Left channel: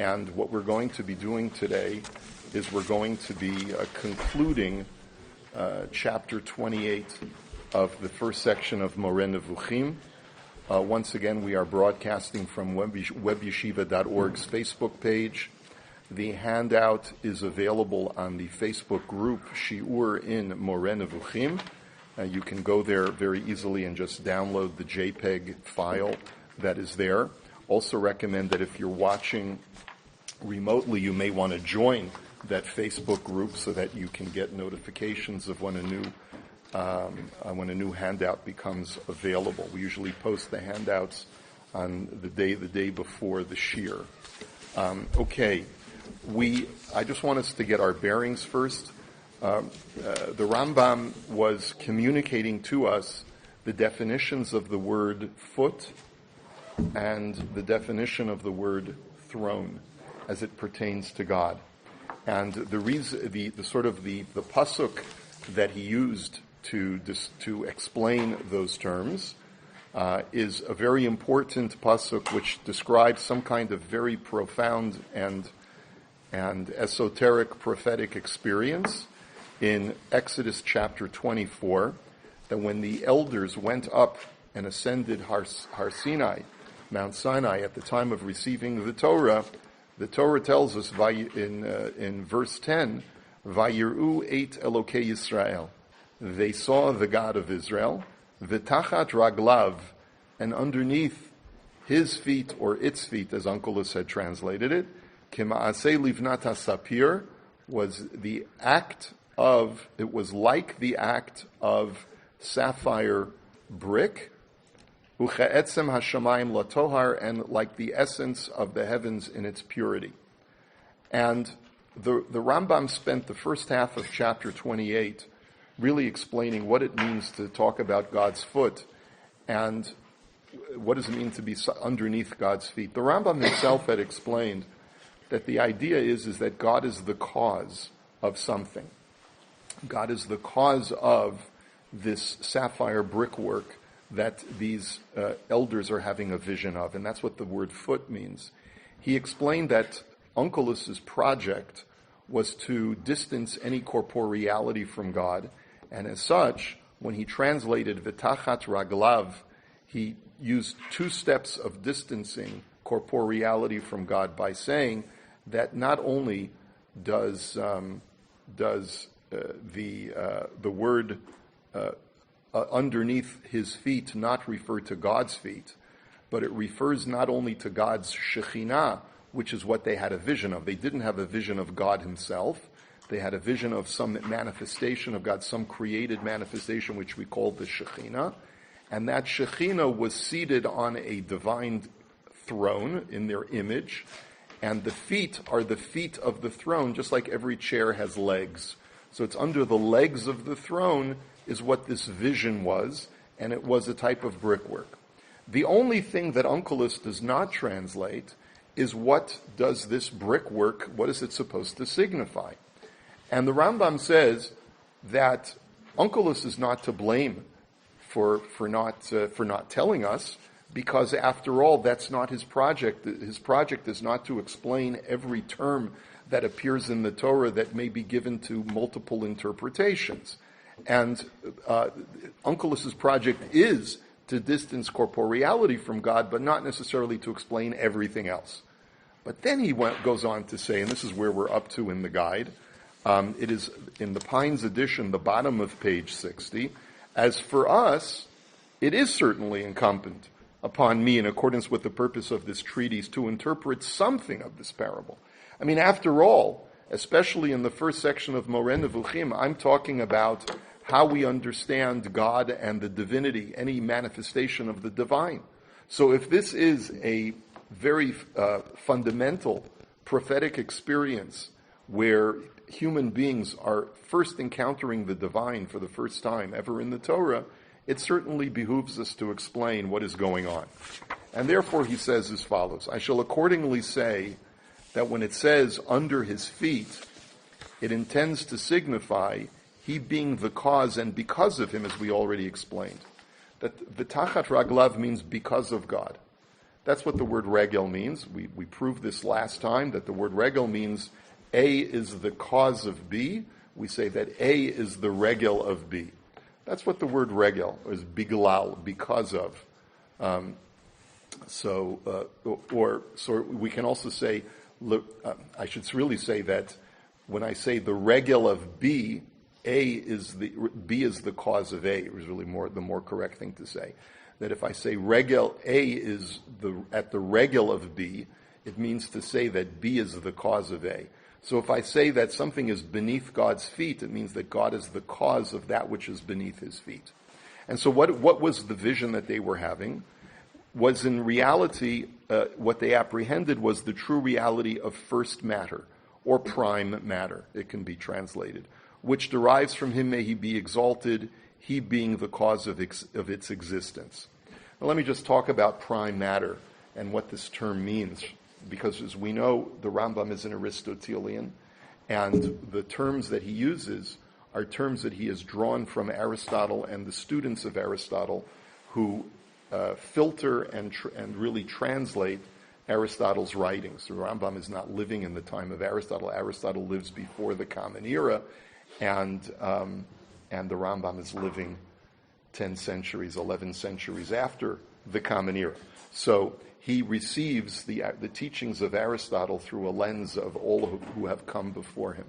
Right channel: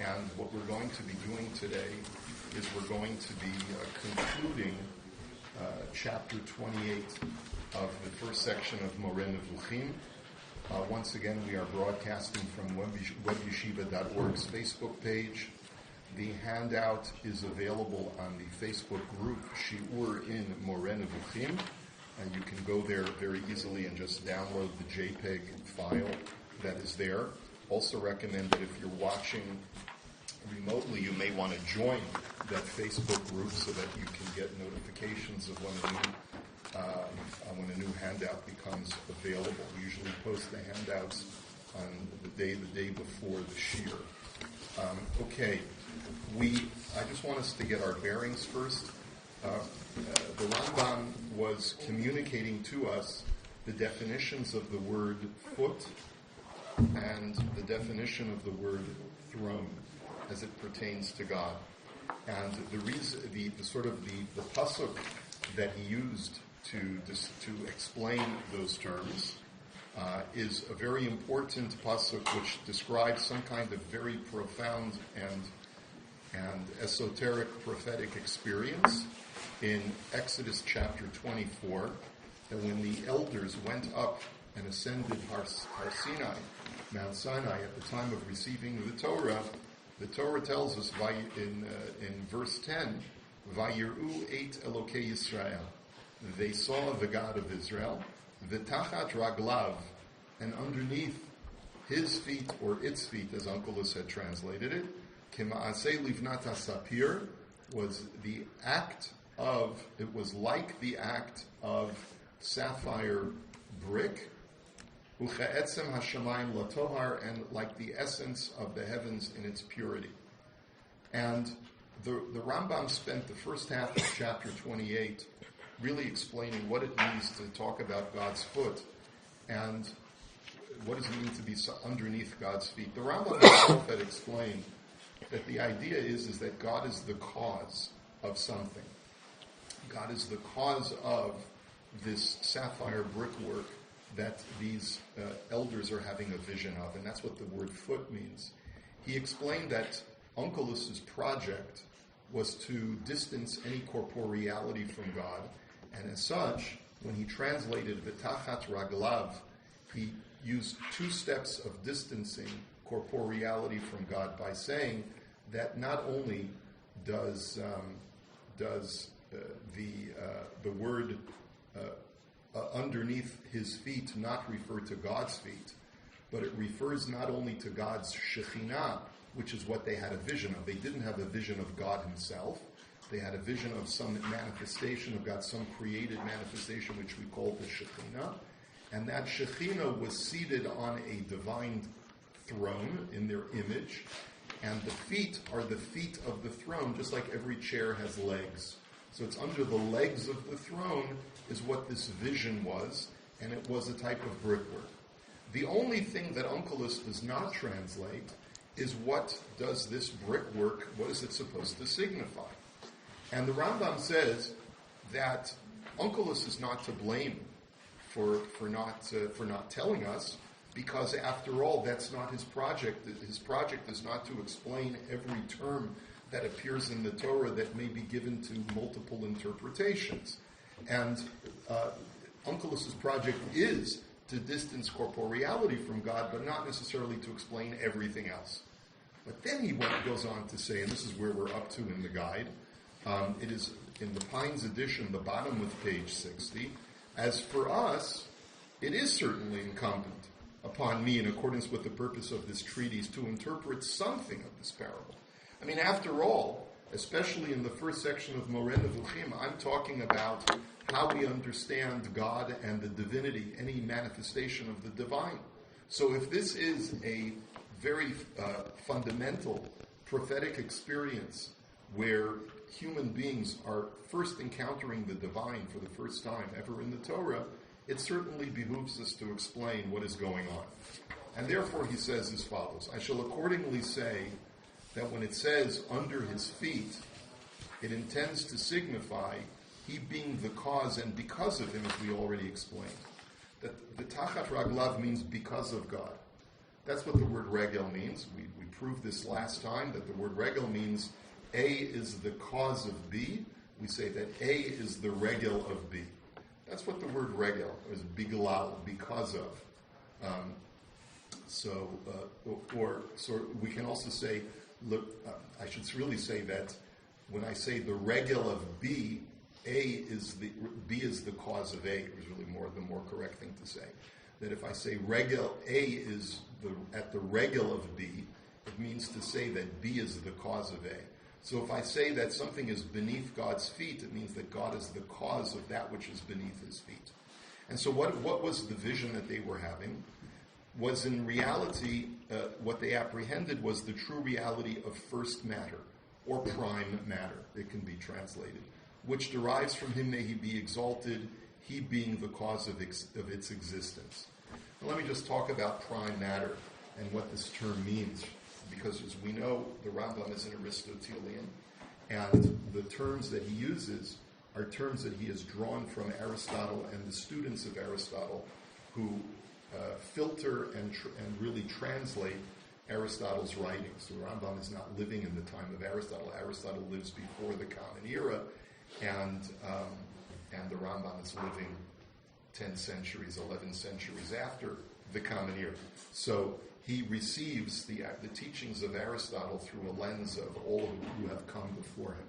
And what we're going to be doing today is we're going to be concluding chapter 28 of the first section of Moreh Nevukhim. Once again, we are broadcasting from webyeshiva.org's Facebook page. The handout is available on the Facebook group Shiur in Moreh Nevukhim. You can go there very easily and just download the JPEG file that is there. Also recommend that if you're watching remotely, you may want to join that Facebook group so that you can get notifications of when a new handout becomes available. We usually post the handouts on the day before the shir. I just want us to get our bearings first. The Rambam was communicating to us the definitions of the word foot and the definition of the word throne as it pertains to God. And the pasuk that he used to explain those terms is a very important pasuk which describes some kind of very profound and esoteric prophetic experience in Exodus chapter 24, that when the elders went up and ascended Har Sinai, Mount Sinai, at the time of receiving the Torah tells us in verse 10, Vayiru eit Elokei Yisrael. They saw the God of Israel, v'tachat raglav, and underneath his feet, or its feet, as Onkelos had translated it, Kima'aseh livnat Sapphire, was like the act of sapphire brick, uche'etzem hashamayim latohar, and like the essence of the heavens in its purity. And the Rambam spent the first half of chapter 28 really explaining what it means to talk about God's foot and what does it mean to be underneath God's feet. The Rambam himself had explained that the idea is that God is the cause of something. God is the cause of this sapphire brickwork that these elders are having a vision of, and that's what the word foot means. He explained that Onkelos's project was to distance any corporeality from God, and as such, when he translated V'tachat raglav, he used two steps of distancing corporeality from God by saying that not only does the word underneath his feet not refer to God's feet, but it refers not only to God's Shekhinah, which is what they had a vision of. They didn't have a vision of God himself. They had a vision of some manifestation of God, some created manifestation, which we call the Shekhinah. And that Shekhinah was seated on a divine throne in their image. And the feet are the feet of the throne, just like every chair has legs. So it's under the legs of the throne is what this vision was, and it was a type of brickwork. The only thing that Onkelos does not translate is what does this brickwork, what is it supposed to signify? And the Rambam says that Onkelos is not to blame for not telling us, because after all, that's not his project. His project is not to explain every term that appears in the Torah that may be given to multiple interpretations. And Onkelos's project is to distance corporeality from God, but not necessarily to explain everything else. But then he goes on to say, and this is where we're up to in the guide, it is in the Pines edition, the bottom of page 60, as for us, it is certainly incumbent upon me, in accordance with the purpose of this treatise, to interpret something of this parable. I mean, after all, especially in the first section of Moreh Nevukhim, I'm talking about how we understand God and the divinity, any manifestation of the divine. So if this is a very fundamental prophetic experience where human beings are first encountering the divine for the first time ever in the Torah, it certainly behooves us to explain what is going on. And therefore he says as follows, I shall accordingly say that when it says under his feet, it intends to signify he being the cause and because of him, as we already explained. That v'tachat raglav means because of God. That's what the word regel means. We proved this last time, that the word regel means A is the cause of B. We say that A is the regel of B. That's what the word regel is, biglal, because of. So we can also say, I should really say that when I say the regel of B, B is the cause of A. It was really the more correct thing to say. That if I say regel A is at the regel of B, it means to say that B is the cause of A. So if I say that something is beneath God's feet, it means that God is the cause of that which is beneath his feet. And so what was the vision that they were having? Was in reality, what they apprehended was the true reality of first matter, or prime matter, it can be translated, which derives from him, may he be exalted, he being the cause of its existence. Now let me just talk about prime matter and what this term means, because as we know, the Rambam is an Aristotelian, and the terms that he uses are terms that he has drawn from Aristotle and the students of Aristotle, who filter and really translate Aristotle's writings. The Rambam is not living in the time of Aristotle. Aristotle lives before the Common Era, and the Rambam is living 10 centuries, 11 centuries after the Common Era. So he receives the teachings of Aristotle through a lens of all who have come before him.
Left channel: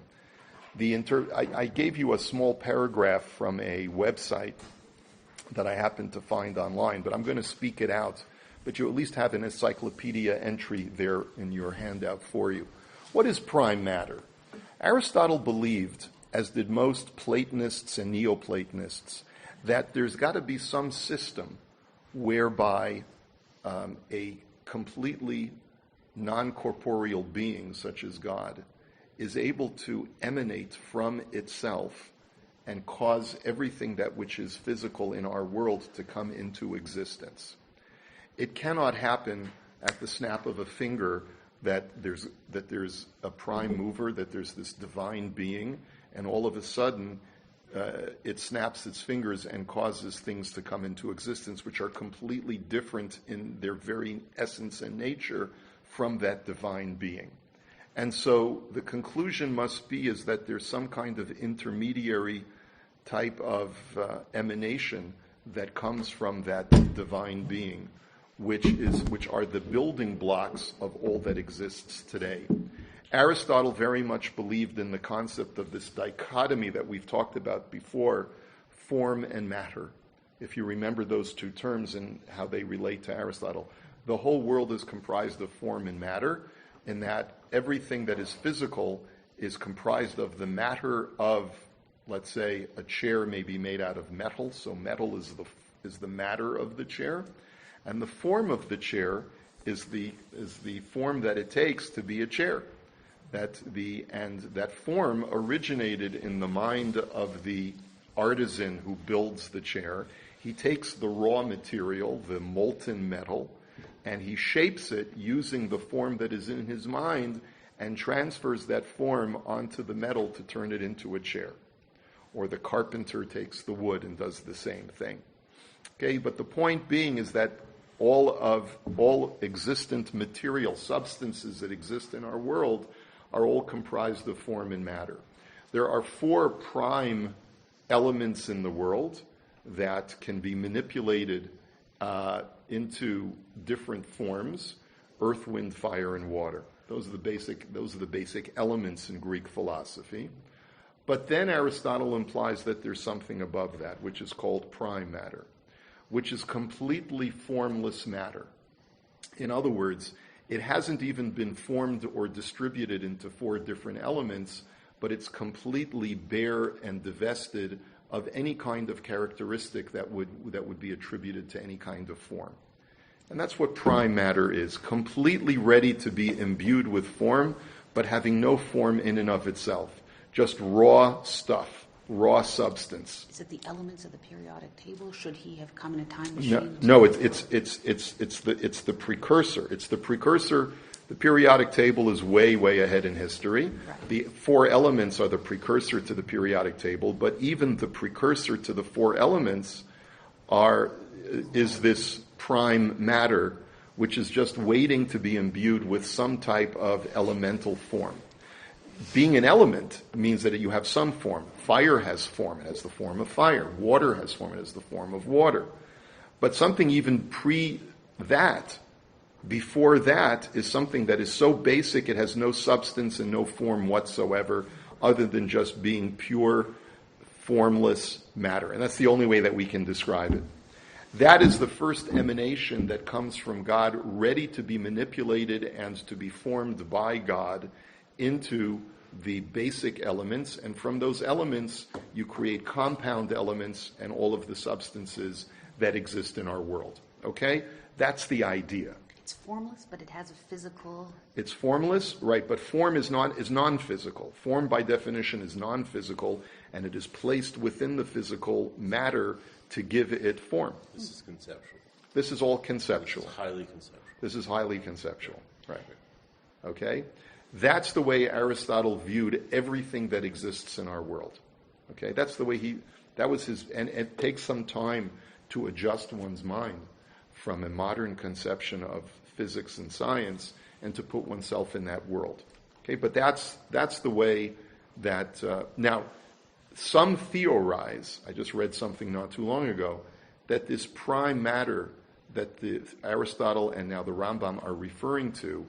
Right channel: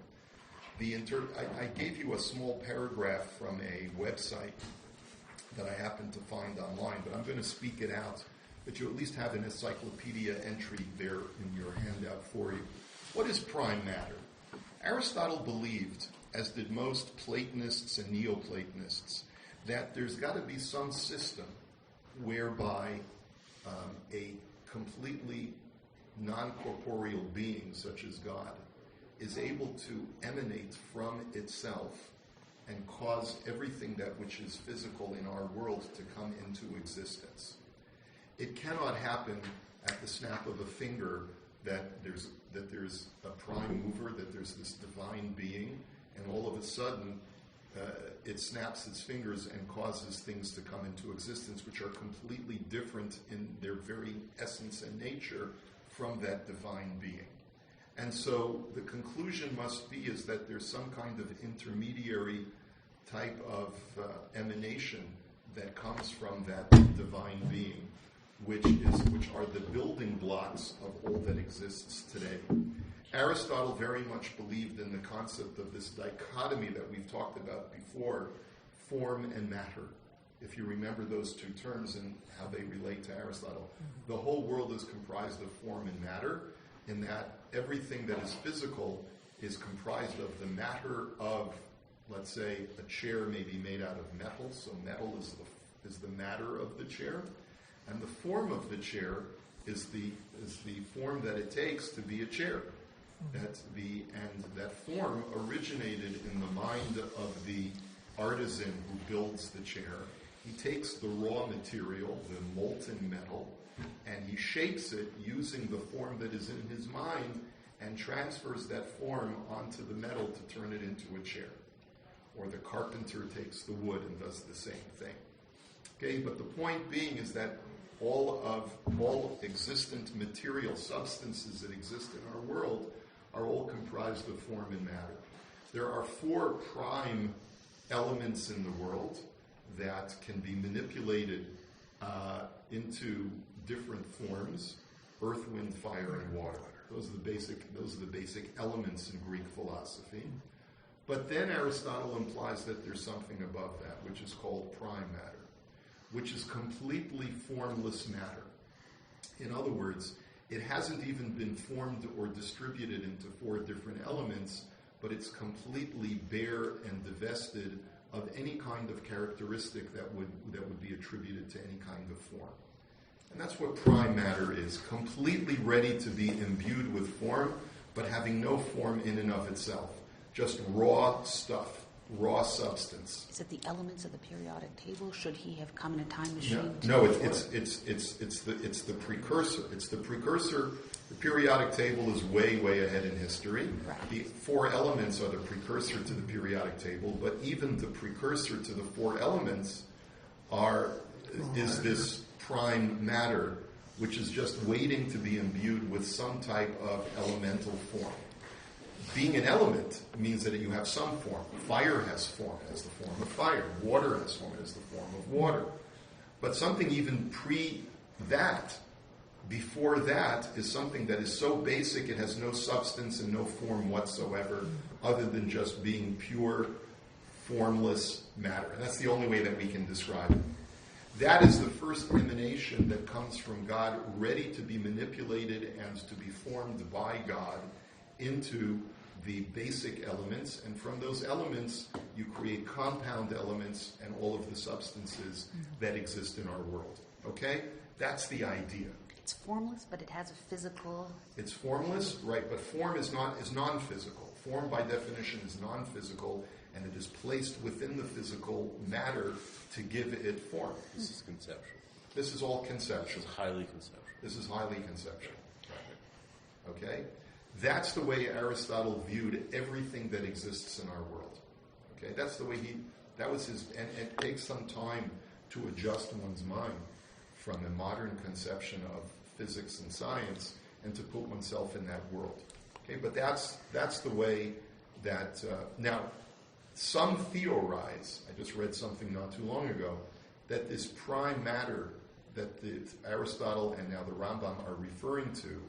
I gave you a small paragraph from a website that I happened to find online, but I'm going to speak it out. But you at least have an encyclopedia entry there in your handout for you. What is prime matter? Aristotle believed, as did most Platonists and Neoplatonists, that there's got to be some system whereby a completely non-corporeal being, such as God, is able to emanate from itself and cause everything that which is physical in our world to come into existence. It cannot happen at the snap of a finger that there's a prime mover, that there's this divine being, and all of a sudden it snaps its fingers and causes things to come into existence which are completely different in their very essence and nature from that divine being. And so the conclusion must be is that there's some kind of intermediary type of emanation that comes from that divine being, which are the building blocks of all that exists today. Aristotle very much believed in the concept of this dichotomy that we've talked about before, form and matter. If you remember those two terms and how they relate to Aristotle, the whole world is comprised of form and matter, in that everything that is physical is comprised of the matter of, let's say, a chair may be made out of metal, so metal is the matter of the chair, and the form of the chair is the form that it takes to be a chair. That form originated in the mind of the artisan who builds the chair. He takes the raw material, the molten metal, and he shapes it using the form that is in his mind and transfers that form onto the metal to turn it into a chair. Or the carpenter takes the wood and does the same thing. Okay, but the point being is that all existent material substances that exist in our world are all comprised of form and matter. There are 4 prime elements in the world that can be manipulated into different forms: earth, wind, fire, and water. Those are the basic elements in Greek philosophy. But then Aristotle implies that there's something above that, which is called prime matter, which is completely formless matter. In other words, it hasn't even been formed or distributed into 4 different elements, but it's completely bare and divested of any kind of characteristic that would be attributed to any kind of form. And that's what prime matter is, completely ready to be imbued with form, but having no form in and of itself, just raw stuff, raw substance. Is it the elements of the periodic table? Should he have come in a time machine? No, it's the precursor. It's the precursor. The periodic table is way, way ahead in history. Right. The 4 elements are the precursor to the periodic table, but even the precursor to the 4 elements is this prime matter, which is just waiting to be imbued with some type of elemental form. Being an element means that you have some form. Fire has form, it has the form of fire. Water has form, it has the form of water. But something even that, before that, is something that is so basic it has no substance and no form whatsoever, other than just being pure, formless matter. And that's the only way that we can describe it. That is the first emanation that comes from God, ready to be manipulated and to be formed by God into the basic elements. And from those elements, you create compound elements and all of the substances that exist in our world. Okay? That's the idea. It's formless, but it has a physical... It's formless, right, but form is non-physical. Form, by definition, is non-physical, and it is placed within the physical matter to give it form. This is conceptual. This is all conceptual. This is highly conceptual. Right. Okay? That's the way Aristotle viewed everything that exists in our world. Okay? That's the way that was his, and it takes some time to adjust one's mind from a modern conception of physics and science and to put oneself in that world. Okay? But that's the way that, now, some theorize, I just read something not too long ago, that this prime matter that Aristotle and now the Rambam are referring to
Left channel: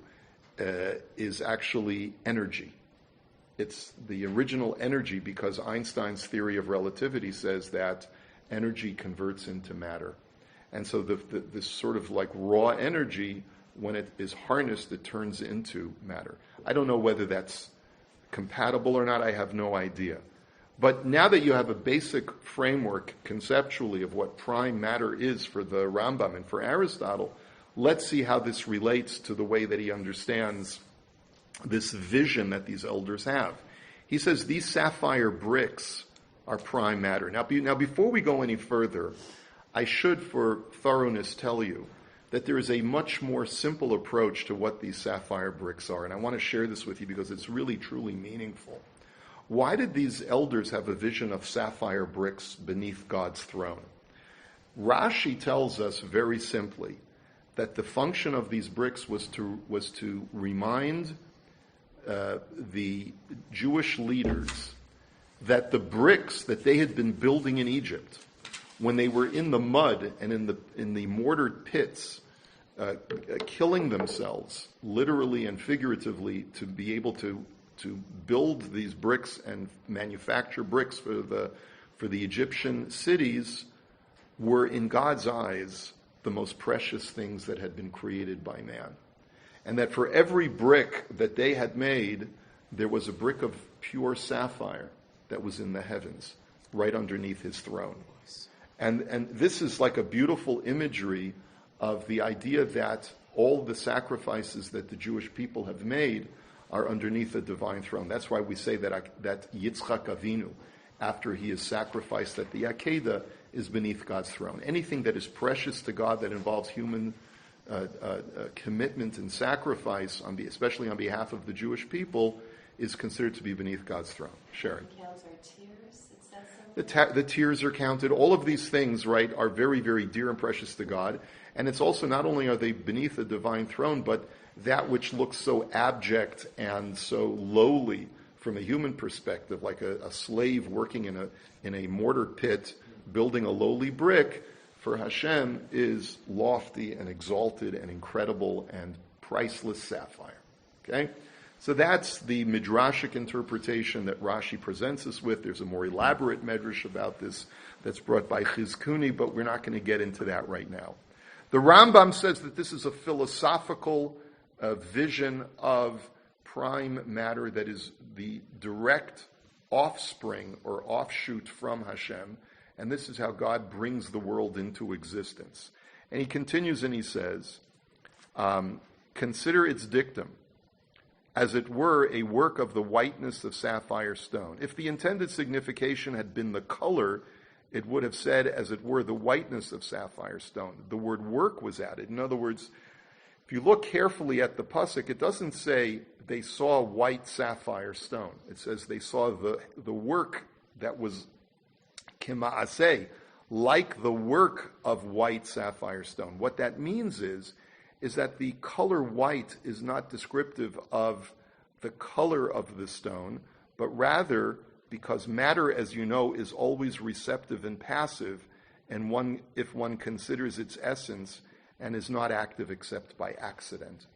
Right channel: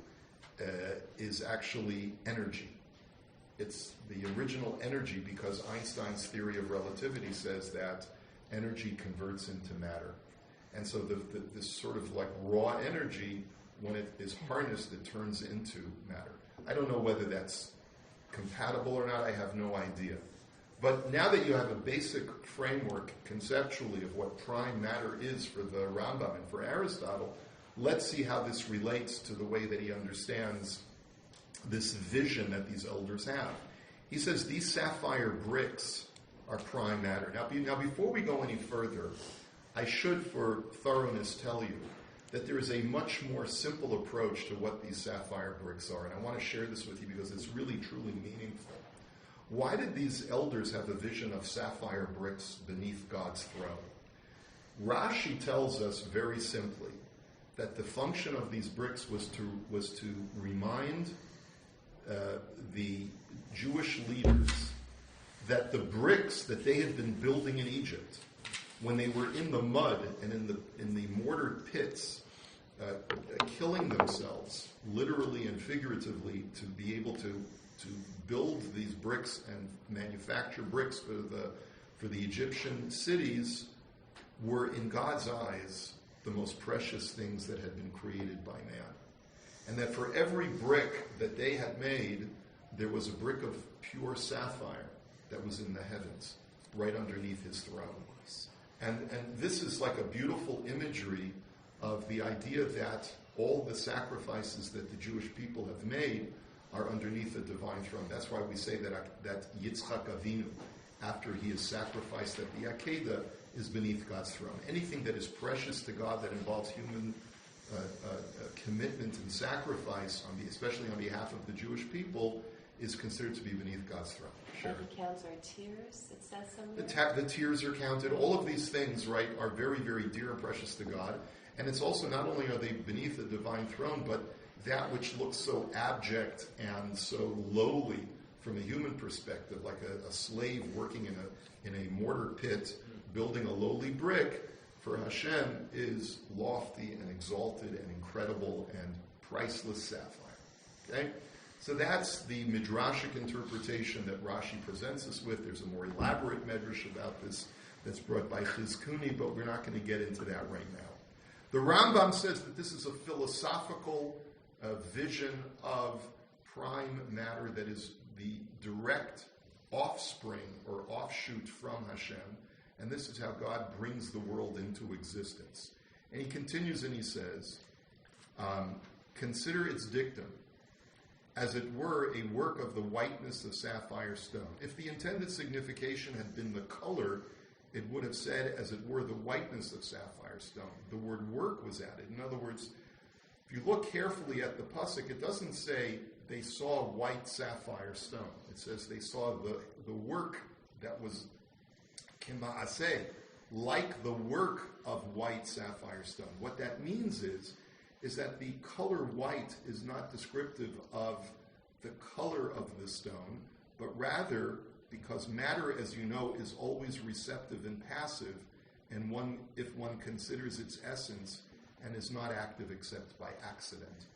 is actually energy. It's the original energy, because Einstein's theory of relativity says that energy converts into matter. And so this sort of like raw energy, when it is harnessed, it turns into matter. I don't know whether that's compatible or not. I have no idea. But now that you have a basic framework conceptually of what prime matter is for the Rambam and for Aristotle, let's see how this relates to the way that he understands this vision that these elders have. He says these sapphire bricks are prime matter. Now, before we go any further, I should, for thoroughness, tell you that there is a much more simple approach to what these sapphire bricks are. And I want to share this with you because it's really, truly meaningful. Why did these elders have a vision of sapphire bricks beneath God's throne? Rashi tells us very simply that the function of these bricks was to remind the Jewish leaders that the bricks that they had been building in Egypt, when they were in the mud and in the mortar pits, killing themselves, literally and figuratively, to be able to build these bricks and manufacture bricks for the Egyptian cities, were in God's eyes the most precious things that had been created by man. And that for every brick that they had made, there was a brick of pure sapphire that was in the heavens, right underneath his throne. And this is like a beautiful imagery of the idea that all the sacrifices that the Jewish people have made are underneath the divine throne. That's why we say that Yitzchak Avinu, after he is sacrificed at the Akedah, is beneath God's throne. Anything that is precious to God that involves human commitment and sacrifice, especially on behalf of the Jewish people, is considered to be beneath God's throne. Sherry. Counts our tears, it says somewhere. The tears are counted. All of these things, right, are very, very dear and precious to God. And it's also, not only are they beneath the divine throne, but that which looks so abject and so lowly from a human perspective, like a slave working in a mortar pit, building a lowly brick, for Hashem is lofty and exalted and incredible and priceless sapphire. Okay? So that's the midrashic interpretation that Rashi presents us with. There's a more elaborate medrash about this that's brought by Chizkuni, but we're not going to get into that right now. The Rambam says that this is a philosophical vision of prime matter that is the direct offspring or offshoot from Hashem, and this is how God brings the world into existence. And he continues and he says, consider its dictum, as it were a work of the whiteness of sapphire stone. If the intended signification had been the color, it would have said, as it were, the whiteness of sapphire stone. The word work was added. In other words, if you look carefully at the pasuk, it doesn't say they saw white sapphire stone. It says they saw the work that was kima'aseh, like the work of white sapphire stone. What that means is is that the color white is not descriptive of the color of the stone, but rather because matter, as you know, is always receptive and passive, and if one considers its essence, and is not active except by accident.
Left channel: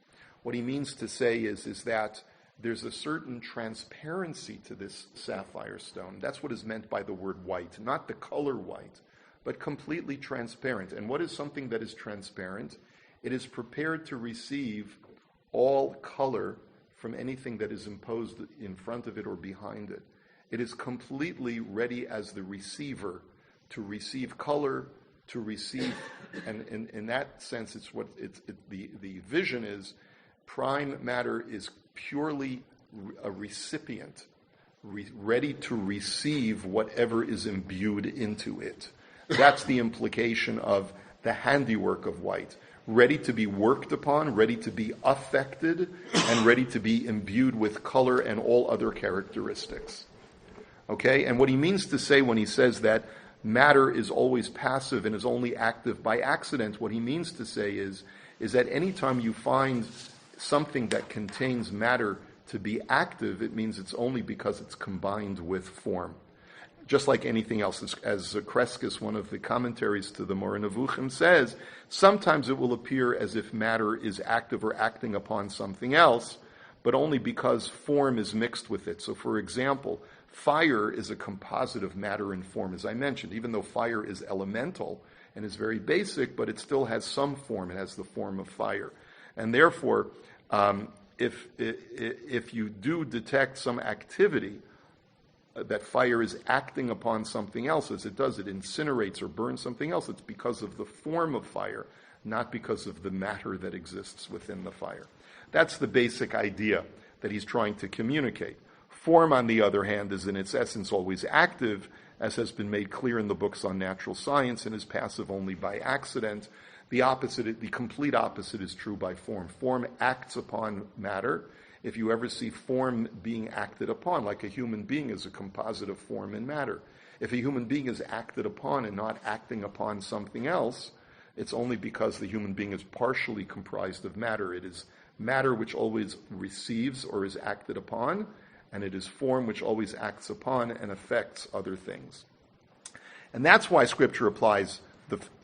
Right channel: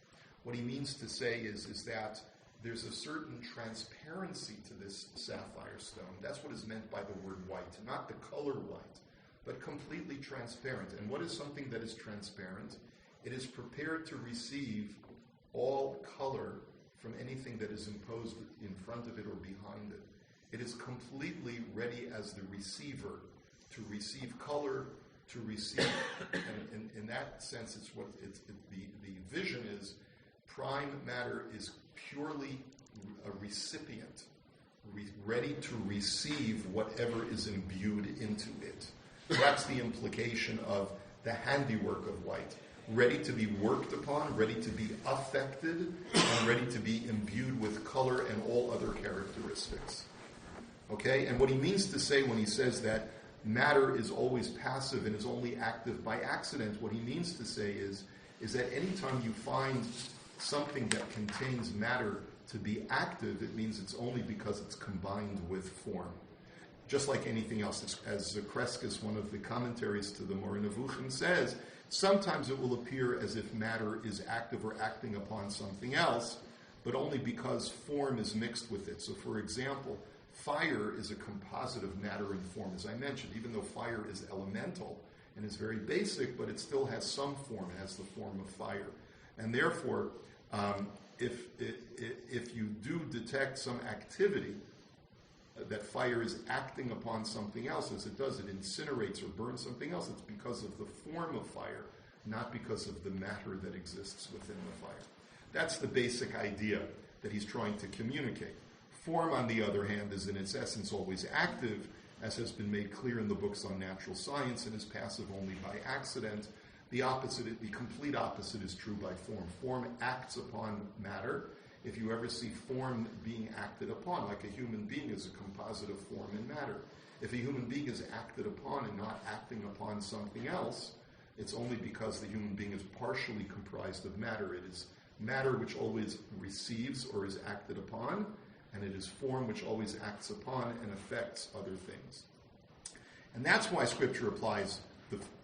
What he means to say is that there's a certain transparency to this sapphire stone. That's what is meant by the word white, not the color white, but completely transparent. And what is something that is transparent? It is prepared to receive all color from anything that is imposed in front of it or behind it. It is completely ready as the receiver to receive color, to receive, and in that sense, the vision is prime matter is purely a recipient, ready to receive whatever is imbued into it. That's the implication of the handiwork of white. Ready to be worked upon, ready to be affected, and ready to be imbued with color and all other characteristics. Okay? And what he means to say when he says that matter is always passive and is only active by accident, what he means to say is that anytime you find something that contains matter to be active, it means it's only because it's combined with form. Just like anything else, as Kreskis, one of the commentaries to the Moreh Nevukhim, says, sometimes it will appear as if matter is active or acting upon something else, but only because form is mixed with it. So, for example, fire is a composite of matter and form, as I mentioned, even though fire is elemental and is very basic, but it still has some form. It has the form of fire. And therefore, if you do detect some activity, that fire is acting upon something else, as it does, it incinerates or burns something else, it's because of the form of fire, not because of the matter that exists within the fire. That's the basic idea that he's trying to communicate. Form, on the other hand, is in its essence always active, as has been made clear in the books on natural science, and is passive only by accident. The complete opposite is true by form. Form acts upon matter. If you ever see form being acted upon, like a human being is a composite of form and matter. If a human being is acted upon and not acting upon something else, it's only because the human being is partially comprised of matter. It is matter which always receives or is acted upon, and it is form which always acts upon and affects other things. And that's why Scripture applies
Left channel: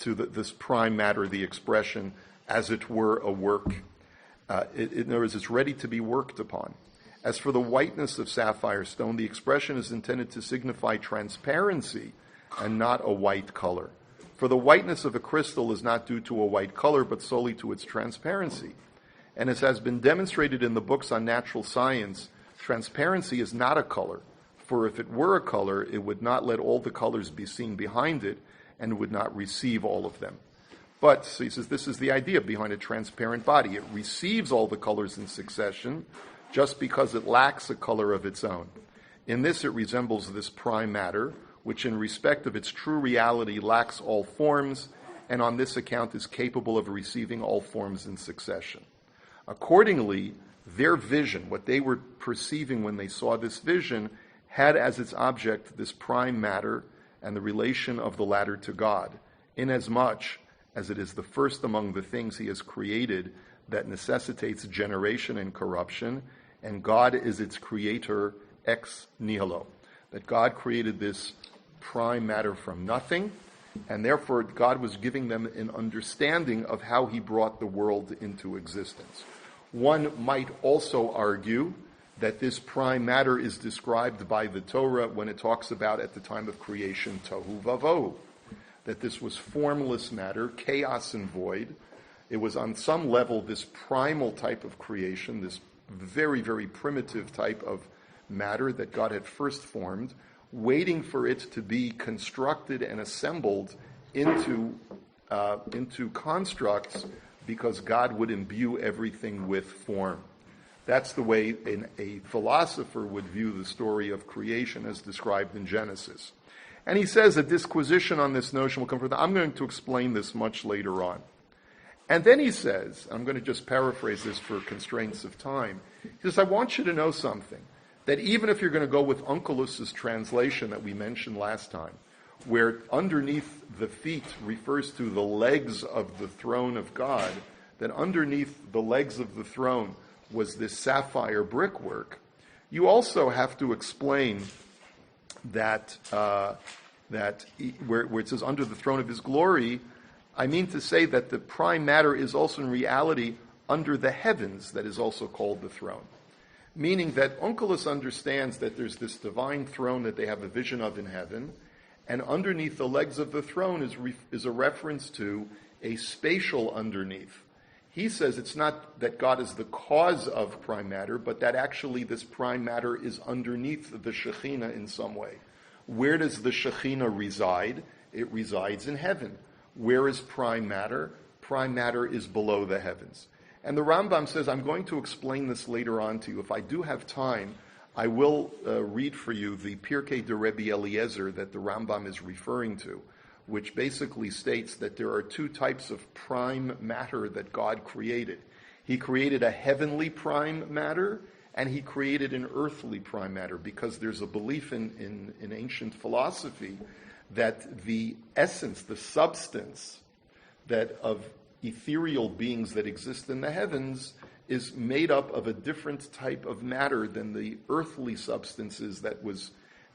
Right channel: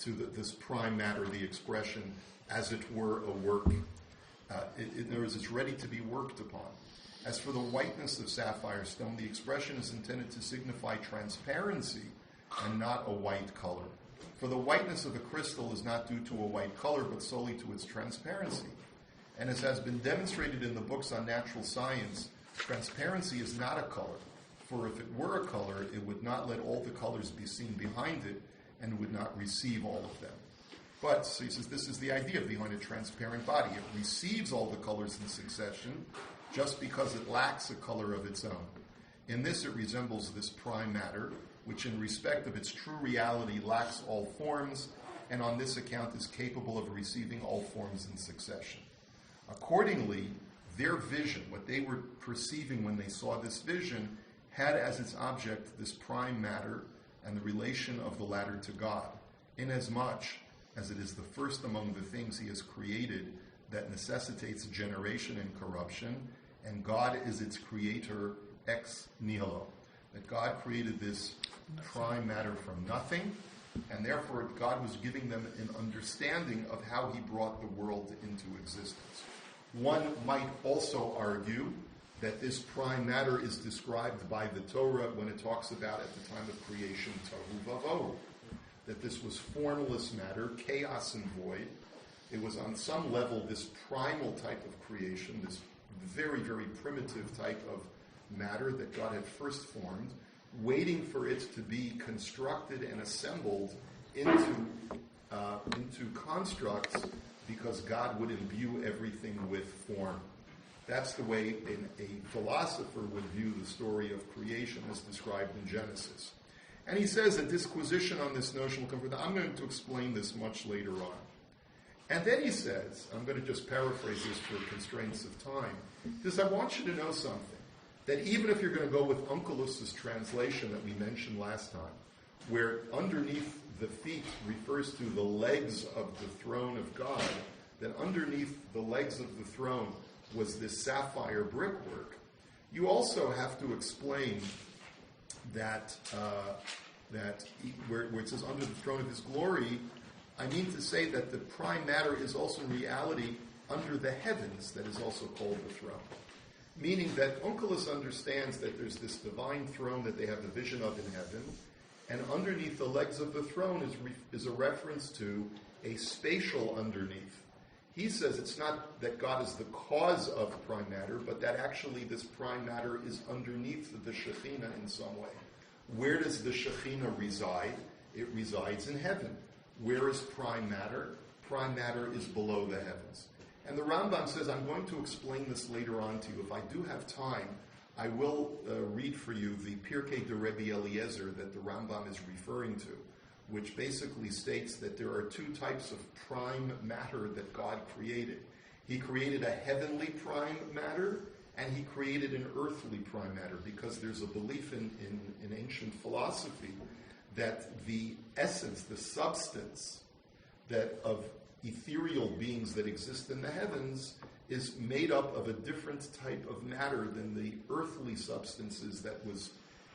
to this prime matter, the expression, as it were a work. In other words, it's ready to be worked upon. As for the whiteness of sapphire stone, the expression is intended to signify transparency and not a white color. For the whiteness of a crystal is not due to a white color, but solely to its transparency. And as has been demonstrated in the books on natural science, transparency is not a color. For if it were a color, it would not let all the colors be seen behind it, and would not receive all of them. But, so he says, this is the idea behind a transparent body. It receives all the colors in succession just because it lacks a color of its own. In this, it resembles this prime matter, which in respect of its true reality lacks all forms, and on this account is capable of receiving all forms in succession. Accordingly, their vision, what they were perceiving when they saw this vision, had as its object this prime matter and the relation of the latter to God, inasmuch as it is the first among the things he has created that necessitates generation and corruption, and God is its creator ex nihilo. That God created this prime matter from nothing, and therefore God was giving them an understanding of how he brought the world into existence. One might also argue that this prime matter is described by the Torah when it talks about at the time of creation, tohu vavohu, that this was formless matter, chaos and void. It was on some level this primal type of creation, this very, very primitive type of matter that God had first formed, waiting for it to be constructed and assembled into constructs, because God would imbue everything with form. That's the way a philosopher would view the story of creation as described in Genesis. And he says a disquisition on this notion will come from I'm going to explain this much later on. And then he says, I'm going to just paraphrase this for constraints of time, he says, I want you to know something, that even if you're going to go with Onkelus's translation that we mentioned last time, where underneath the feet refers to the legs of the throne of God, that underneath the legs of the throne was this sapphire brickwork, you also have to explain that where it says under the throne of his glory, I mean to say that the prime matter is also in reality under the heavens that is also called the throne. Meaning that Onkelos understands that there's this divine throne that they have a vision of in heaven, and underneath the legs of the throne is a reference to a spatial underneath. He says it's not that God is the cause of prime matter, but that actually this prime matter is underneath the Shekhinah in some way. Where does the Shekhinah reside? It resides in heaven. Where is prime matter? Prime matter is below the heavens. And the Rambam says, I'm going to explain this later on to you. If I do have time, I will read for you the Pirkei de Rebbe Eliezer that the Rambam is referring to, which basically states that there are two types of prime matter that God created. He created a heavenly prime matter, and he created an earthly prime matter, because there's a belief in ancient philosophy that the essence, the substance that of ethereal beings that exist in the heavens is made up of a different type of matter than the earthly substances that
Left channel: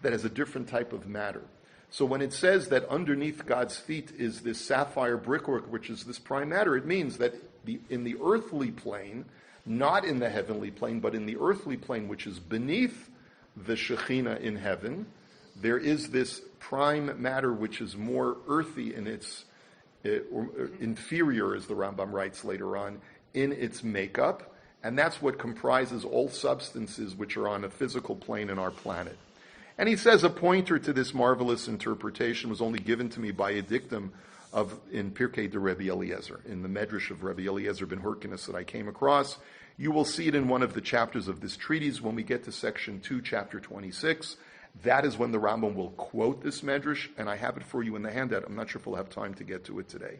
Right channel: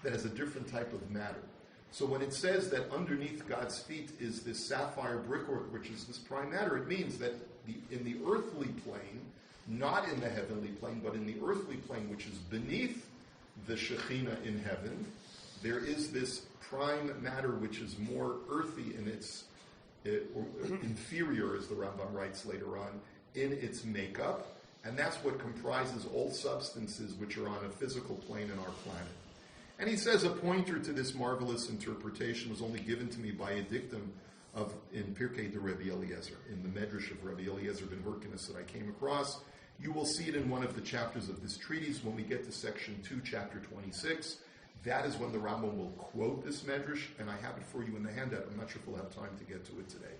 has a different type of matter. So when it says that underneath God's feet is this sapphire brickwork, which is this prime matter, it means that in the earthly plane, not in the heavenly plane, but in the earthly plane, which is beneath the Shekhinah in heaven, there is this prime matter which is more earthy in its or inferior, as the Rambam writes later on, in its makeup, and that's what comprises all substances which are on a physical plane in our planet. And he says a pointer to this marvelous interpretation was only given to me by a dictum in Pirkei de Rebbe Eliezer, in the Medrash of Rebbe Eliezer ben Hyrcanus that I came across. You will see it in one of the chapters of this treatise when we get to section 2, chapter 26. That is when the Rambam will quote this Medrash, and I have it for you in the handout. I'm not sure if we'll have time to get to it today.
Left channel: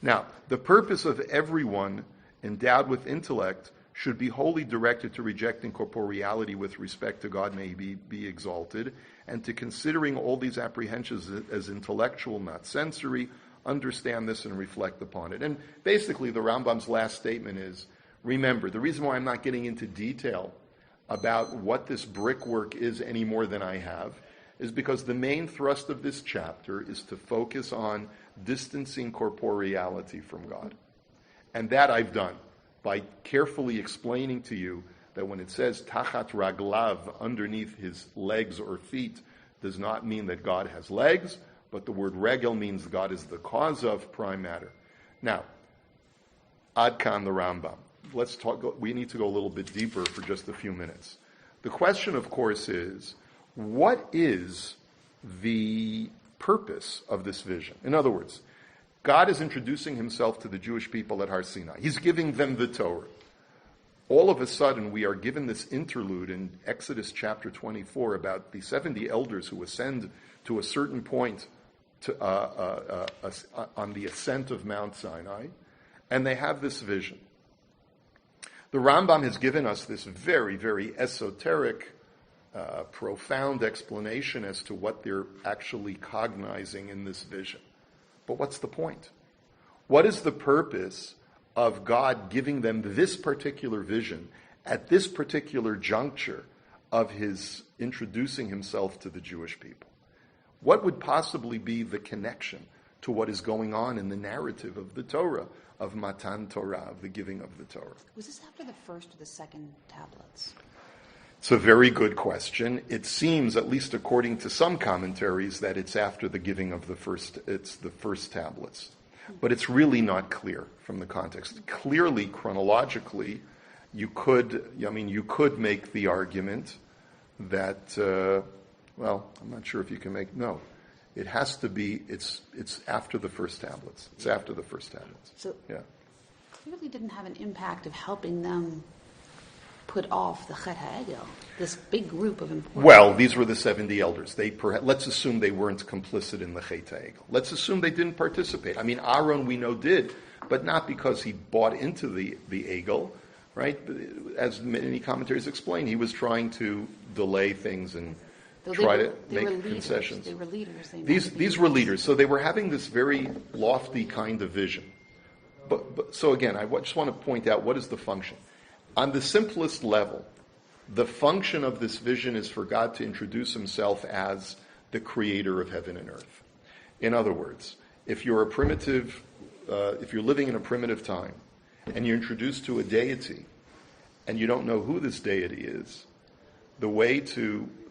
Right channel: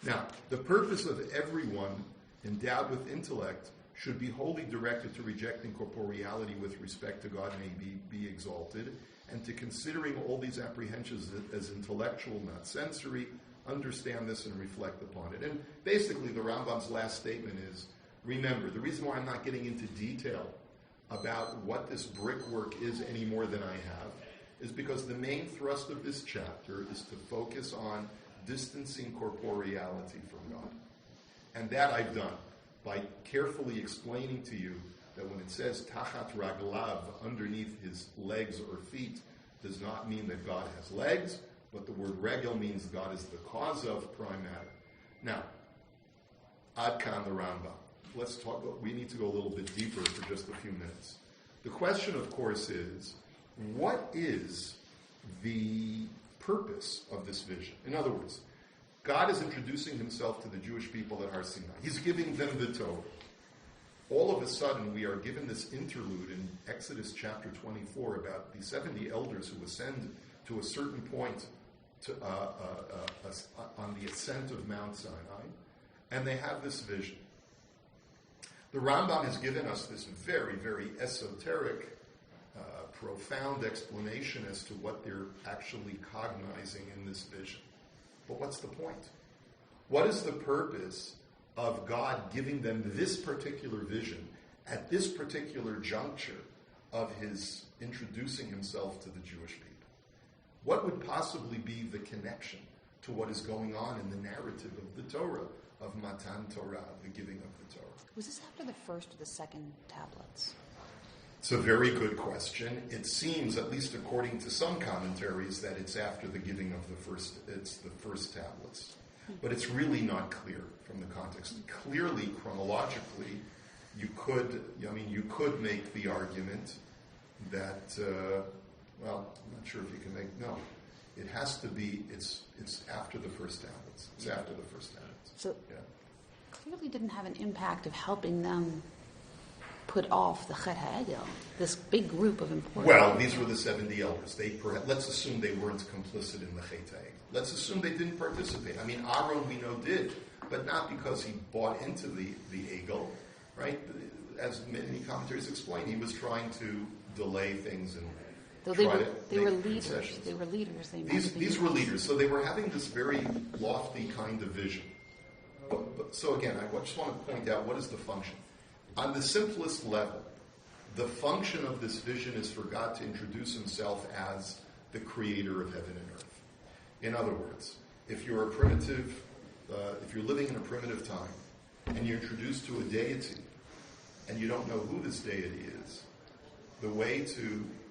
Now, the purpose of everyone endowed with intellect should be wholly directed to rejecting corporeality with respect to God may be exalted, and to considering all these apprehensions as intellectual, not sensory, understand this and reflect upon it. And basically, the Rambam's last statement is, remember, the reason why I'm not getting into detail about what this brickwork is any more than I have is because the main thrust of this chapter is to focus on distancing corporeality from God. And that I've done by carefully explaining to you that when it says tachat raglav, underneath his legs or feet, does not mean that God has legs, but the word regel means God is the cause of prime matter. Now, ad kan the Rambam. Let's talk. We need to go a little bit deeper for just a few minutes. The question, of course, is what is the purpose of this vision? In other words, God is introducing himself to the Jewish people at Har Sinai. He's giving them the Torah. All of a sudden, we are given this interlude in Exodus chapter 24 about the 70 elders who ascend to a certain point on the ascent of Mount Sinai, and they have this vision. The Rambam has given us this very, very esoteric, profound explanation as to what they're actually cognizing in this vision. But what's the point? What is the purpose of God giving them this particular vision at this particular juncture of his introducing himself to the Jewish people? What would possibly be the connection to what is going on in the narrative of the Torah, of Matan Torah, of the giving of the Torah? Was this after the first or the second tablets? It's a very good question. It seems, at least according to some commentaries, that it's after the giving of the first tablets. But it's really not clear from the context. Clearly, chronologically, you could make the argument that, I'm not sure if you can make, no. It has to be, it's after the first tablets. It's after the first tablets. So, yeah. Clearly didn't have an impact of helping them put off the Chet HaEgel, this big group of important Well, these were the 70 elders. Let's assume they weren't complicit in the Chet HaEgel. Let's assume they didn't participate. I mean, Aaron we know did, but not because he bought into the Egel, right? As many commentaries explain, he was trying to delay things and try to make concessions. They were leaders. These were leaders. So they were having this very lofty kind of vision. So again, just want to point out what is the function. On the simplest level, the function of this vision is for God to introduce himself as the creator of heaven and earth. In other words, if you're living in a primitive time, and you're introduced to a deity, and you don't know who this deity is, the way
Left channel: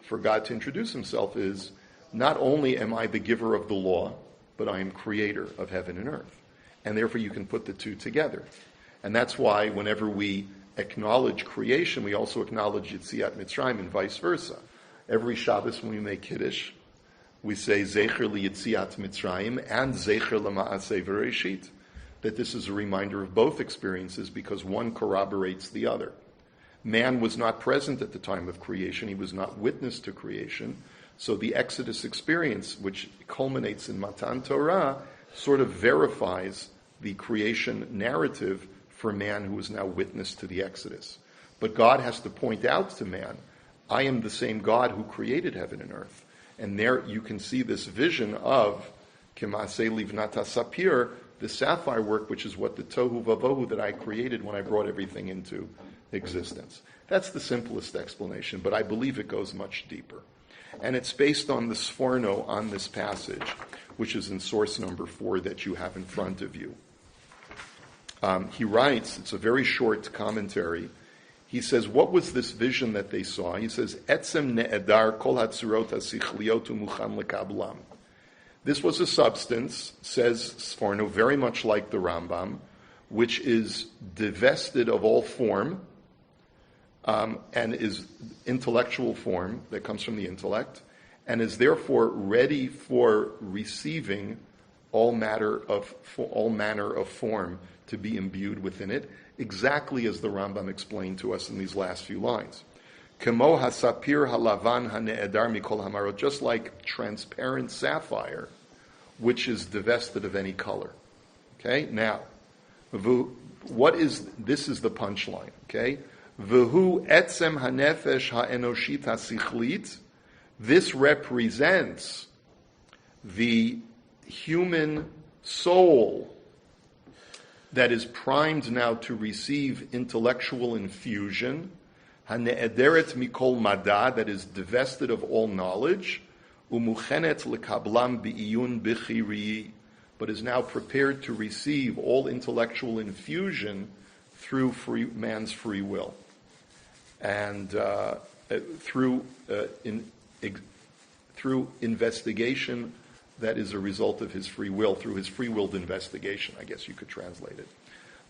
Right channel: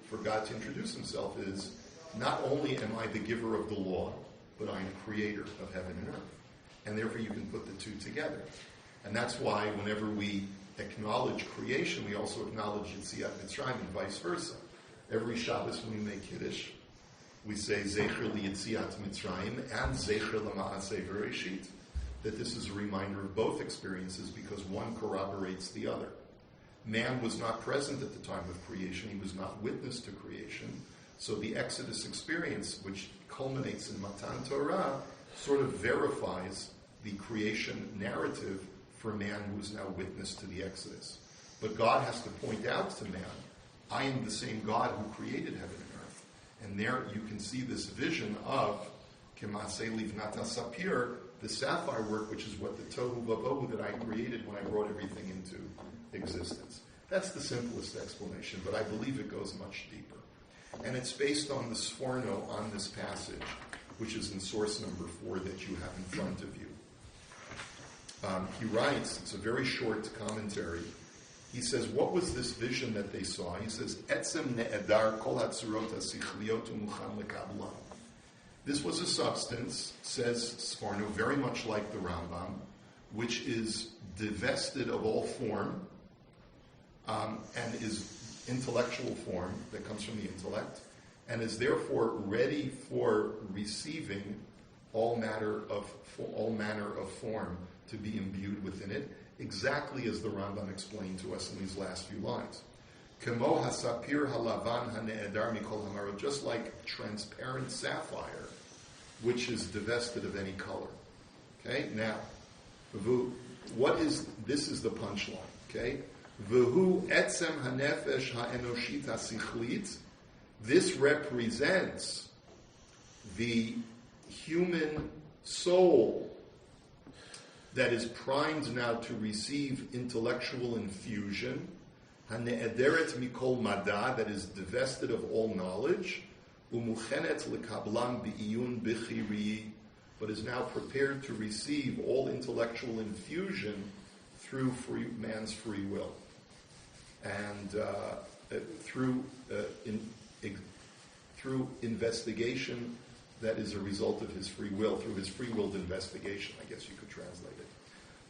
for God to introduce himself is, not only am I the giver of the law, but I am creator of heaven and earth. And therefore you can put the two together. And that's why whenever we acknowledge creation, we also acknowledge Yetziat Mitzrayim and vice versa. Every Shabbos when we make Kiddush, we say Zecher Yetziat Mitzrayim and Zecher L'Ma'aseh V'Reishit. That this is a reminder of both experiences because one corroborates the other. Man was not present at the time of creation. He was not witness to creation. So the Exodus experience, which culminates in Matan Torah, sort of verifies the creation narrative for man who is now witness to the Exodus. But God has to point out to man, I am the same God who created heaven and earth. And there you can see this vision of Kemaseh Livnata Sapphire, the sapphire work, which is what the Tohu Vavohu that I created when I brought everything into existence. That's the simplest explanation, but I believe it goes much deeper. And it's based on the Sforno on this passage, which is in source number 4 that you have in front of you. He writes, it's a very short commentary. He says, what was this vision that they saw? He says, Etzem ne'edar kol hatzurot hasichliot umuchan lekablam. This was a substance, says Sforno, very much like the Rambam, which is divested of all form and is intellectual form that comes from the intellect, and is therefore ready for receiving all manner of form to be imbued within it, exactly as the Rambam explained to us in these last few lines. Kemo hasapir halavan hane'edar mikol hamarot, just like transparent sapphire, which is divested of any color. Okay, now, this is the punchline, okay? V'hu etzem hanefesh ha'enoshit hasichlit. This represents the human soul that is primed now to receive intellectual infusion, hane'ederet mikol mada, that is divested of all knowledge, umuchenet lekablam bi'iyun bichiri, but is now prepared to receive all intellectual infusion through man's free will, and through investigation that is a result of his free will, through his free-willed investigation, I guess you could translate it.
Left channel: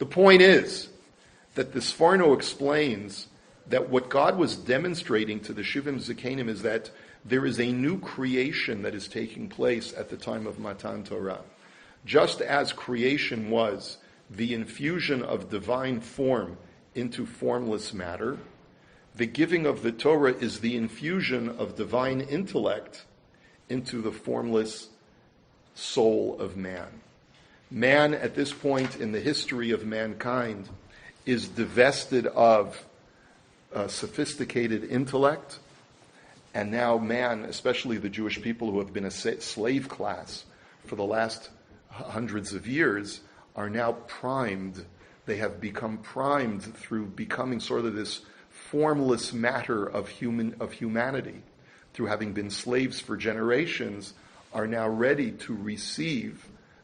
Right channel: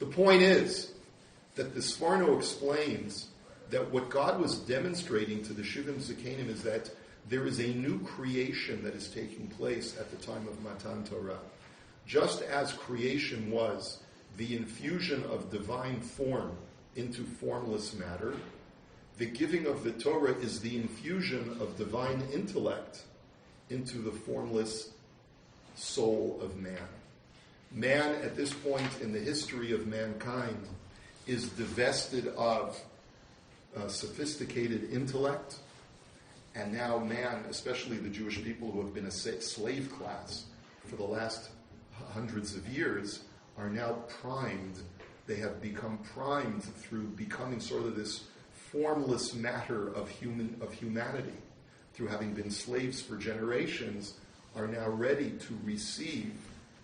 The point is that the Sforno explains that what God was demonstrating to the Shivim Zikanim is that there is a new creation that is taking place at the time of Matan Torah. Just as creation was the infusion of divine form into formless matter, the giving of the Torah is the infusion of divine intellect into the formless soul of man. Man, at this point in the history of mankind, is divested of sophisticated intellect, and now man, especially the Jewish people who have been a slave class for the last hundreds of years, are now primed. They have become primed through becoming sort of this formless matter of humanity, through having been slaves for generations, are now ready to receive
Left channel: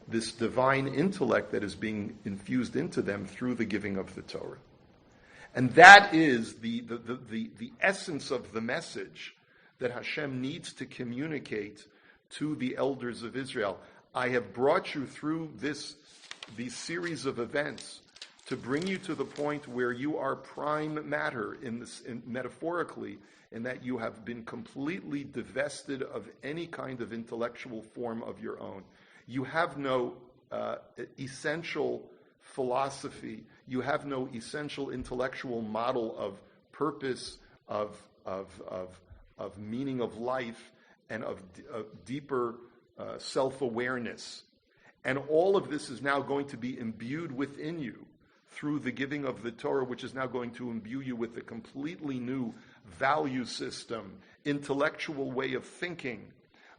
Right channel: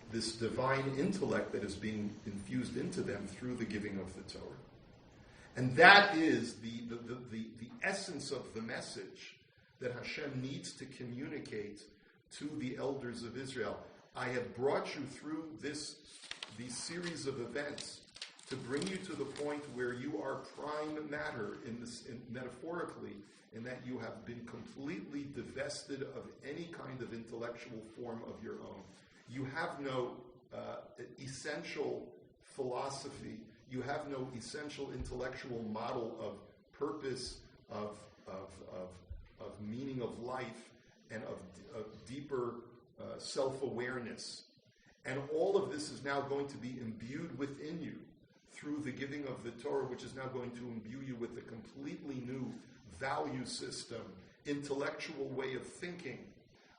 this divine intellect that is being infused into them through the giving of the Torah. And that is the essence of the message that Hashem needs to communicate to the elders of Israel. I have brought you through these series of events to bring you to the point where you are prime matter, metaphorically, in that you have been completely divested of any kind of intellectual form of your own. You have no essential philosophy. You have no essential intellectual model of purpose, of meaning of life, and of deeper self-awareness. And all of this is now going to be imbued within you through the giving of the Torah, which is now going to imbue you with a completely new value system, intellectual way of thinking,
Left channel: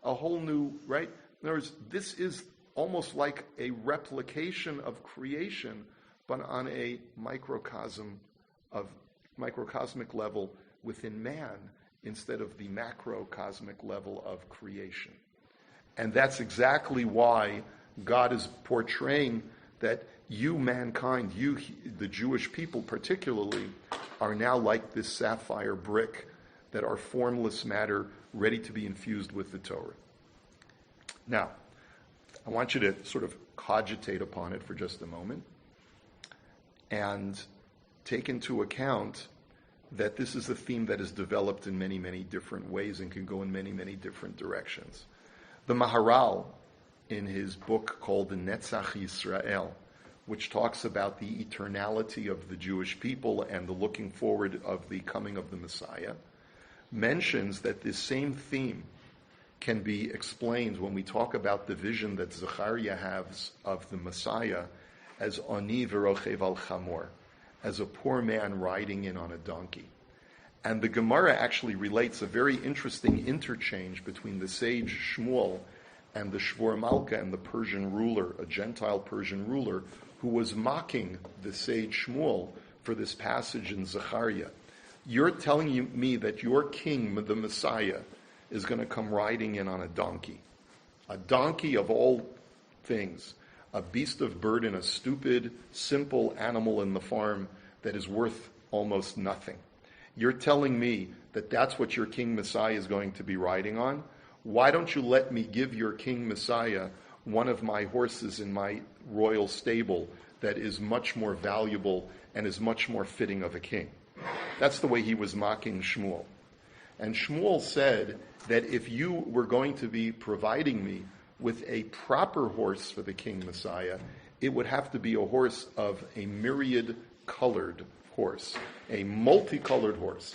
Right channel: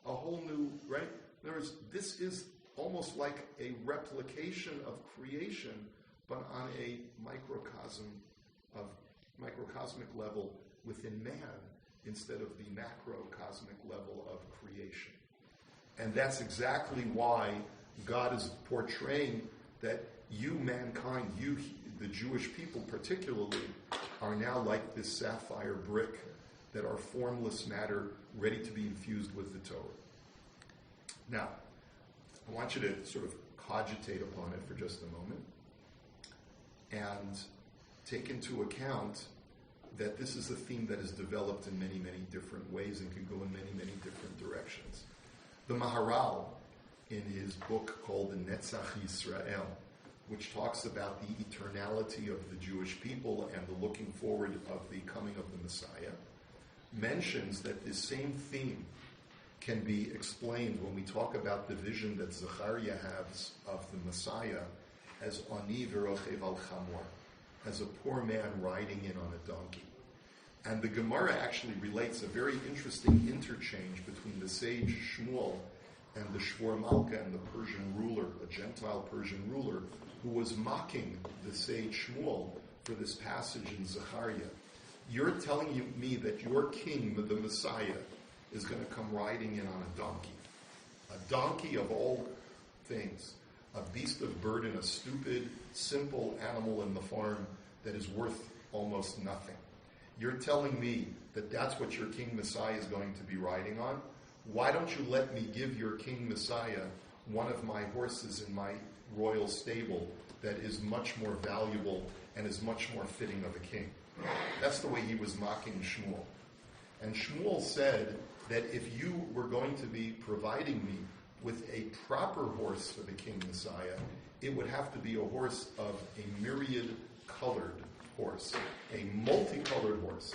a whole new, right? In other words, this is almost like a replication of creation, but on a microcosmic level within man, instead of the macrocosmic level of creation. And that's exactly why God is portraying that you, mankind, you, the Jewish people particularly, are now like this sapphire brick that are formless matter ready to be infused with the Torah. Now, I want you to sort of cogitate upon it for just a moment and take into account that this is a theme that is developed in many, many different ways and can go in many, many different directions. The Maharal, in his book called the Netzach Yisrael, which talks about the eternality of the Jewish people and the looking forward of the coming of the Messiah, mentions that this same theme can be explained when we talk about the vision that Zechariah has of the Messiah as Ani v'rochev al chamor, as a poor man riding in on a donkey. And the Gemara actually relates a very interesting interchange between the sage Shmuel and the Shvor Malka and the Persian ruler, a Gentile Persian ruler, who was mocking the sage Shmuel for this passage in Zechariah. You're telling me that your king, the Messiah, is going to come riding in on a donkey of all things, a beast of burden, a stupid, simple animal in the farm that is worth almost nothing. You're telling me that that's what your King Messiah is going to be riding on? Why don't you let me give your King Messiah one of my horses in my royal stable that is much more valuable and is much more fitting of a king? That's the way he was mocking Shmuel. And Shmuel said that if you were going to be providing me with a proper horse for the King Messiah, it would have to be a horse of a myriad colored horse, a multicolored horse.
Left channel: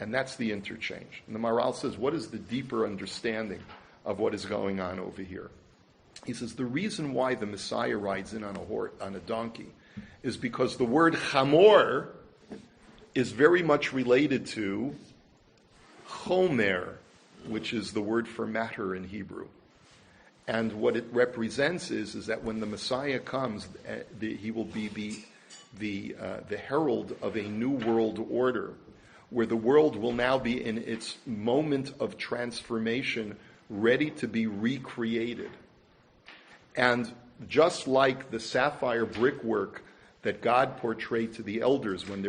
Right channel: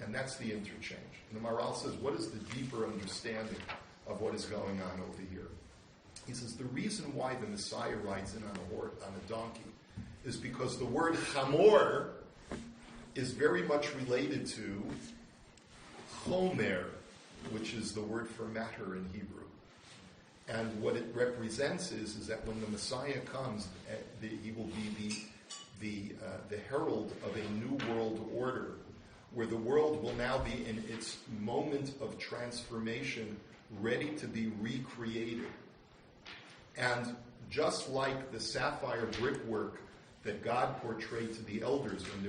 And that's the interchange. And the Maharal says, what is the deeper understanding of what is going on over here? He says, the reason why the Messiah rides in on a donkey is because the word chamor is very much related to chomer, which is the word for matter in Hebrew. And what it represents is that when the Messiah comes, he will be the herald of a new world order, where the world will now be in its moment of transformation, ready to be recreated. And just like the sapphire brickwork that God portrayed to the elders when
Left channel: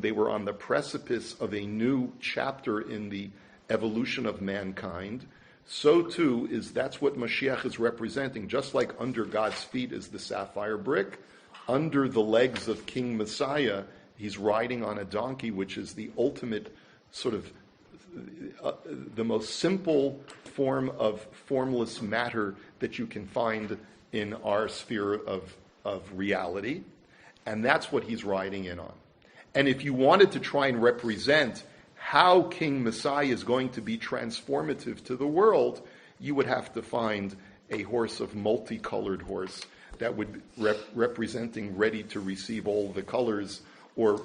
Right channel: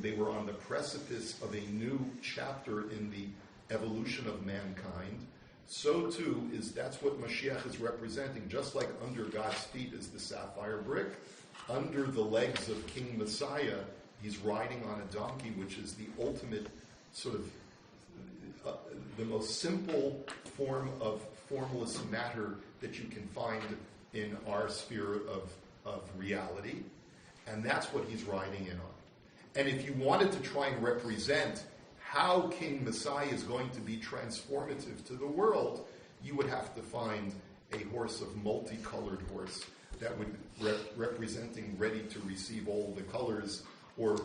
they were on the precipice of a new chapter in the evolution of mankind, so too that's what Mashiach is representing. Just like under God's feet is the sapphire brick, under the legs of King Messiah, he's riding on a donkey, which is the ultimate sort of the most simple form of formless matter that you can find in our sphere of reality. And that's what he's riding in on. And if you wanted to try and represent how King Messiah is going to be transformative to the world, you would have to find a horse of multicolored horse that would representing ready to receive all the colors, or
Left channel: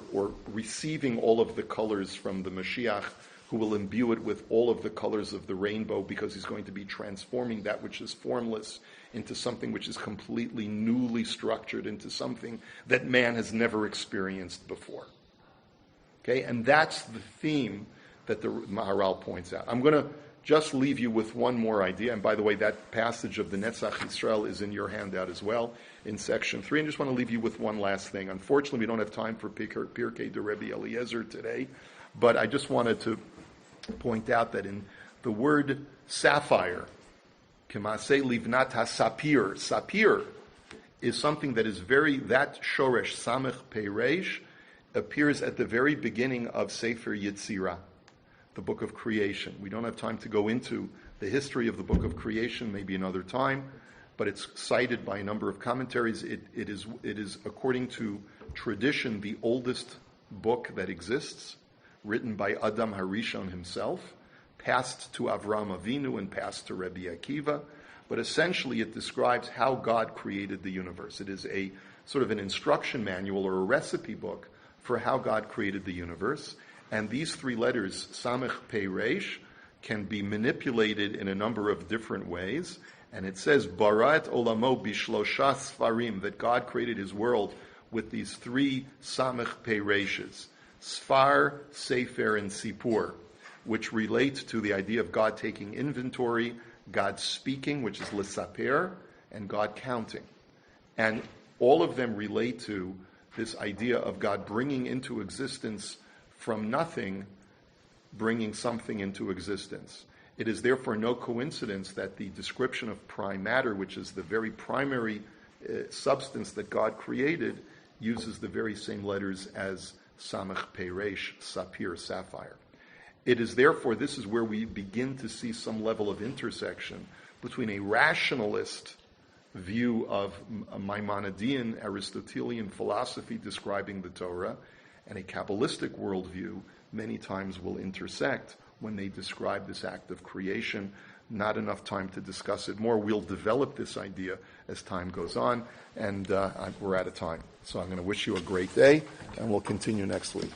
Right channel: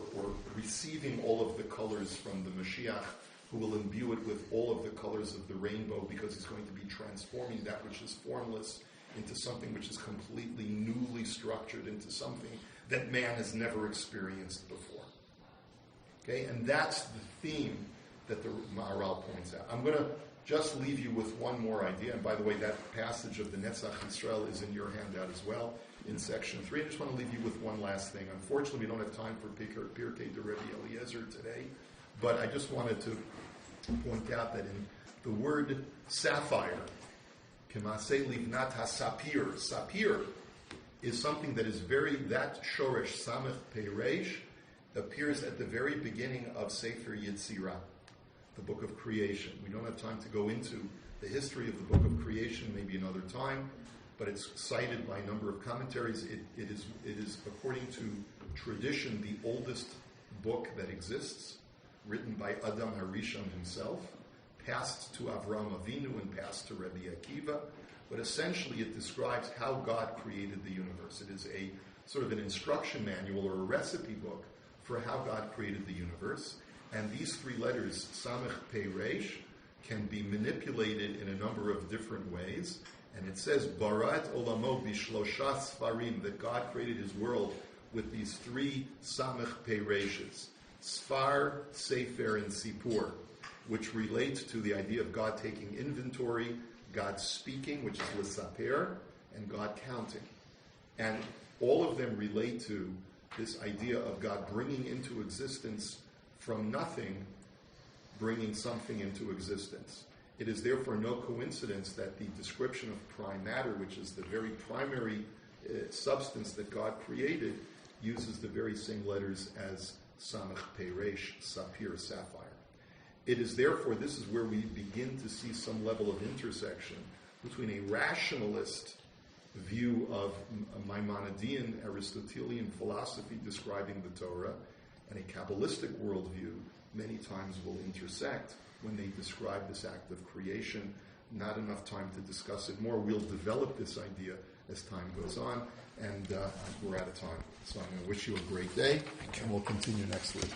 receiving all of the colors from the Mashiach, who will imbue it with all of the colors of the rainbow, because he's going to be transforming that which is formless into something which is completely newly structured, into something that man has never experienced before. Okay, and that's the theme that the Maharal points out. I'm going to just leave you with one more idea. And by the way, that passage of the Netzach Yisrael is in your handout as well, in section 3. I just want to leave you with one last thing. Unfortunately, we don't have time for Pirkei de Rebbe Eliezer today, but I just wanted to point out that in the word sapphire, K'maseh livnat ha-sapir, sapir is something that is that shoresh samech peiresh appears at the very beginning of Sefer Yetzirah, the book of creation. We don't have time to go into the history of the book of creation, maybe another time, but it's cited by a number of commentaries. It is, according to tradition, the oldest book that exists, written by Adam Harishon himself, passed to Avraham Avinu and passed to Rabbi Akiva, but essentially it describes how God created the universe. It is a sort of an instruction manual or a recipe book for how God created the universe. And these three letters, Samech Pei Reish, can be manipulated in a number of different ways. And it says, Barat olamo bishlosha sfarim, that God created his world with these three samech pei reishes, Sfar, Sefer, and Sipur, which relate to the idea of God taking inventory, God speaking, which is l'saper, and God counting. And all of them relate to this idea of God bringing into existence from nothing, bringing something into existence. It is therefore no coincidence that the description of prime matter, which is the very primary substance that God created, uses the very same letters as Samech Peresh, Sapphire, Sapphire. It is therefore, this is where we begin to see some level of intersection between a rationalist view of a Maimonidean, Aristotelian philosophy describing the Torah, and a Kabbalistic worldview many times will intersect when they describe this act of creation. Not enough time to discuss it more. We'll develop this idea as time goes on, and we're out of time. So I'm going to wish you a great day, and we'll continue next week.